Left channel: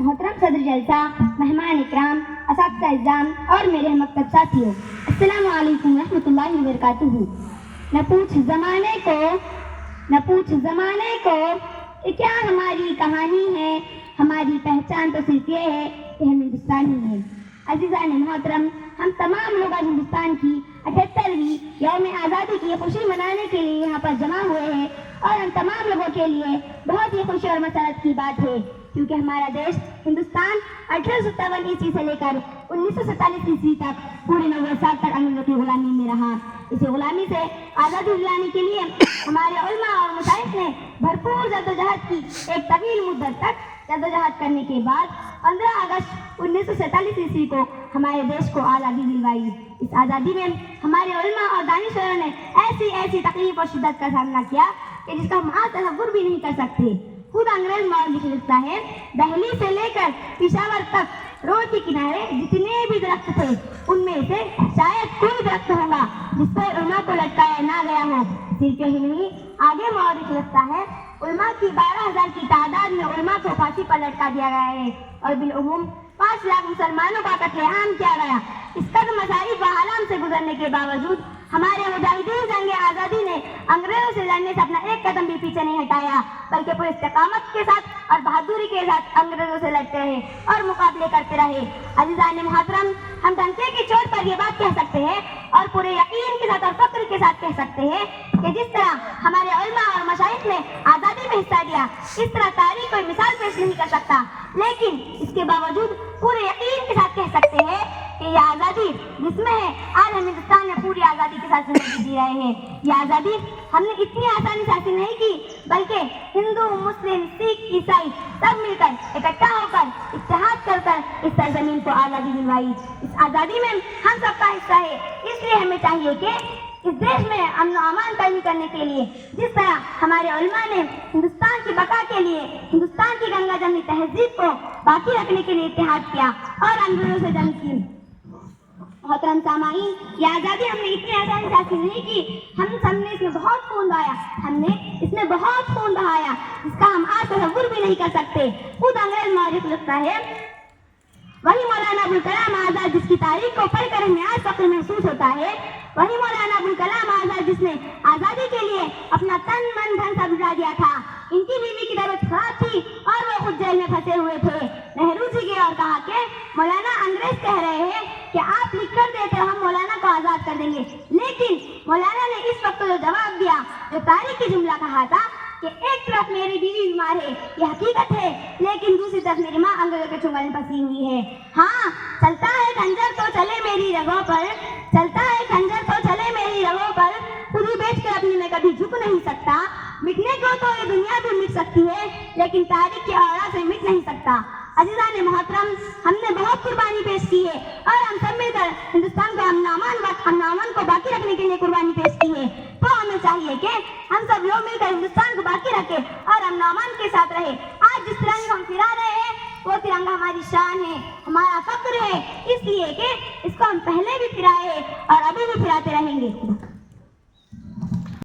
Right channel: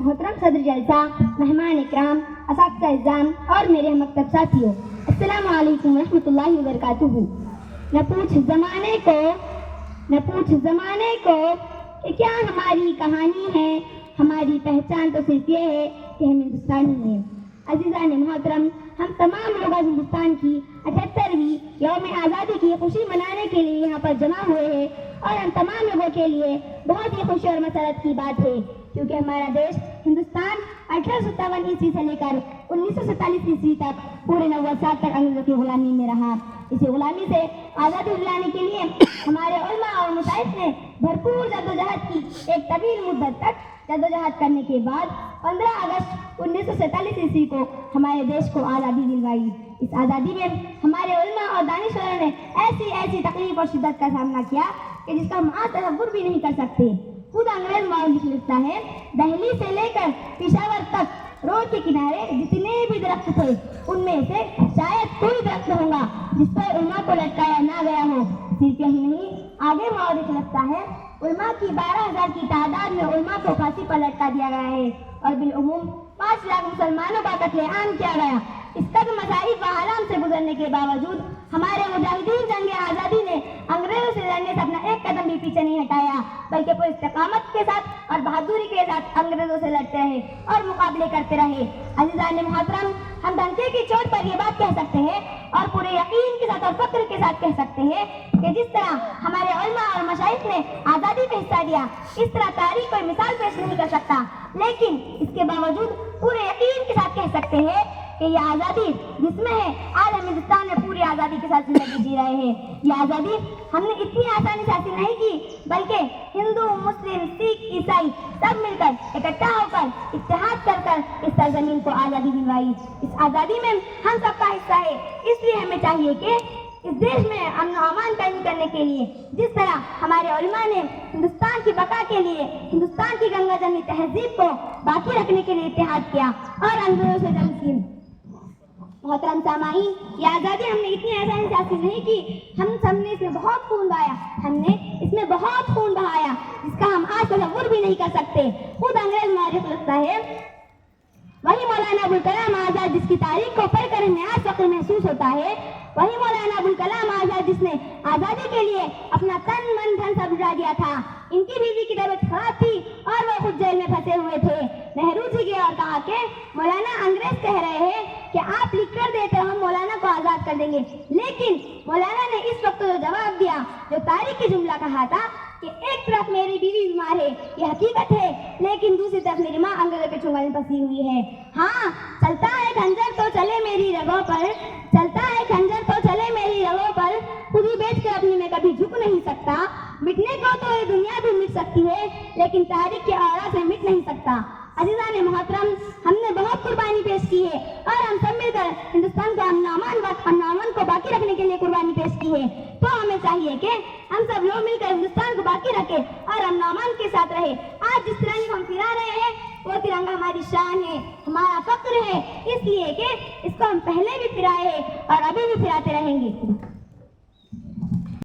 محترم صدر جلسہ، مہمان اکرام، اساتذہ اعزام اور میرے ہم مکتب ساتھیوں، السلام علیکم ورحمۃ اللہ وبرکاتہ۔ نہ پوچھ زمانے کو کہ کیا ہماری کہانی ہے، ہماری پہچان تو صرف یہ ہے کہ ہم ہندوستانی ہیں۔ عزیزان محترم، ہم تمام لوگ ہندوستان کی 78ویں یوم آزادی کی خوشی منانے کے لیے یہاں پر جمع ہوئے ہیں، اور ہم تمام لوگوں کے لیے بہت ہی خوشی اور مسرت کی بات ہے، کیونکہ ہمارا دیش ہندوستان 1857 عیسوی سے لے کر 1947 عیسوی تک پورے 90 سال تک انگریزوں کی غلامی میں رہا۔ اسی غلامی سے آزادی دلانے کے لیے ہمارے علماء اور مشائخ نے بھرپور جدوجہد کی۔ ایک طویل مدت تک جدوجہد کرنے کے بعد 15 اگست 1947 عیسوی کو ہمارے دیش کو آزادی دلوائی۔ اس آزادی میں ہمارے علماء اور دانشوروں نے ایسی تکلیف اور شدت کا سامنا کیا کہ جس کا ہم آج تصور بھی نہیں کر سکتے۔ خود انگریز مورخ لکھتا ہے، دہلی سے لے کر پشاور تک روڈ کے کنارے جتنے بھی درخت تھے ان میں سے شاید کوئی درخت ہوگا جس پر علماء کو لٹکایا نہ گیا ہو۔ صرف یہی نہیں، آگے مورخ لکھتا ہے، علماء کی 12,000 کی تعداد میں علماء کو پھانسی پر لٹکا دیا گیا ہے، اور بالعموم 5 لاکھ مسلمانوں کا قتل عام کیا گیا۔ اس قدر مصائب و آلام سے گزرنے کے باوجود ہمارے مجاہدین جنگ آزادی نے انگریزوں سے لڑنے سے اپنا ایک قدم بھی پیچھے نہیں ہٹایا، بلکہ پورے استقامت کے ساتھ اور بہادری کے ساتھ انگریزوں سے لڑتے رہے اور مقابلے کرتے رہے۔ عزیزان محترم، ہم ڈنکے کی چوٹ پر یہ بات کہہ سکتے ہیں اور پورے یقین کے ساتھ اور فخر کے ساتھ کہہ سکتے ہیں کہ جس طرح ہمارے علماء اور مشائخ نے آزادی میں حصہ لیا، اس طرح تاریخ کوئی مثال پیش نہیں کر سکتا، لیکن اس کے باوجود پورے یقین کے ساتھ کہہ سکتے ہیں کہ یہ آزادی جس میں ہے، آج ہم ہندوستان میں پوری آزادی کے ساتھ زندگی جی رہے ہیں۔ یہ آزادی ہم نے اتنی آسانی سے حاصل نہیں کی، بلکہ ہندو، مسلم، سکھ، عیسائی سب مل کر اکٹھا ہو کر اتحاد کر اس سرزمین کو آزادی دلوائی۔ اس آزادی میں ہم سب کا حصہ ہے، اس لیے ہمیں چاہیے کہ اس دیش میں امن و امان قائم کرنے کے لیے جس طرح ہمارے علماء نے ہندوستان کی بقا کے لیے ہندوستان کی گنگا جمنی تہذیب کو باقی رکھنے کے لیے اتحاد کیا اور انگریزوں سے جنگ کی۔ محترم سامعین، یہ آزادی ہم نے اتنی آسانی سے حاصل نہیں کی، ہم سب نے اس میں بہت خون بہایا، جس کا ہم آج تصور بھی نہیں کر سکتے۔ خود انگریز مورخ لکھتا ہے، وہی مولانا ابوالکلام آزاد جس کی تاریخ کو پڑھ کر ہمیں آج فخر محسوس ہوتا ہے، وہی مولانا ابوالکلام آزاد جس نے آزادی کے لیے اپنا تن من دھن سب لٹا دیا تھا۔ ان کی بیوی کی طبیعت خراب تھی اور وہ خود جیل میں پھنسے ہوئے تھے۔ نہرو جی گئے اور کہا کہ مولانا انگریز کہہ رہے ہیں کہ آپ لکھ کر دیتے ہو، ہم مولانا کو آزاد کر دیں گے، لیکن مولانا نے اس وقت جو جواب دیا، جو تاریخ کے جملہ کہا تھا کہ ایک طرف میری بیوی بیمار ہے، یہ حقیقت ہے، لیکن دوسری طرف میری ماں انگریزوں کے چنگل میں پھنسی ہوئی ہے۔ ہاں، چلتا ہے خنجر تو چلے میری رگوں پر، خود ہی بیٹھ کر اپنی میں کبھی جھک نہیں سکتا، مٹنے کو تو یہ دنیا بھی مٹ سکتی ہے، لیکن تاریخ کے اوراق سے مٹ نہیں سکتا۔ عزیزان محترم، ہم نے بہت قربانی پیش کی ہے اور ہم سب مل کر ہندوستان کو امن و امان کو باقی رکھنے کے لیے قربانی پیش کی ہے، تو ہمیں چاہیے کہ ہم سب لوگ مل کر ہندوستان کو باقی رکھیں اور امن و امان کے ساتھ رہے۔ آج جس ترنگے کو ہم پھرا رہے ہیں وہ ترنگا ہماری شان ہے، ہمارا فخر ہے، اس لیے کہ اس کو ہم پہلے بھی پھرائے اور ابھی بھی پھراتے رہیں گے۔